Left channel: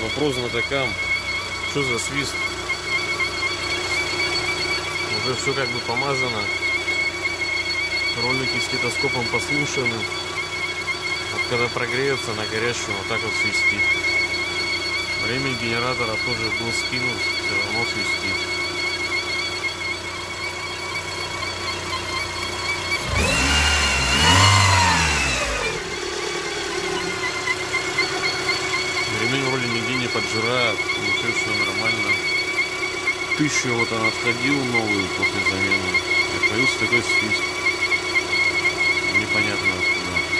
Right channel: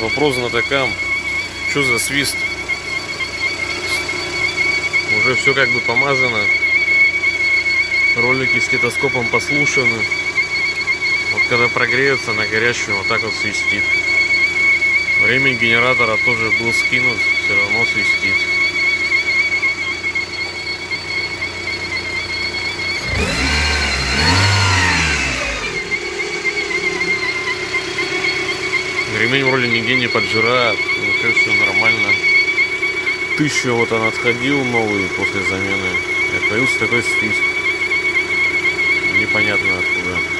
Вопрос знатокам. Что за свист? Уже все как бы помазано. Ролики стетоскопом послушаны. Вот когда прогреется на горячем, вот так вот свистит. Время генератора тоже был скинут, все равно свистит. Ремень вроде нигде не поджирает, вообще все нормально. 1000 вот он отходил новый после замены. И появился такой свист. Непонятно откуда.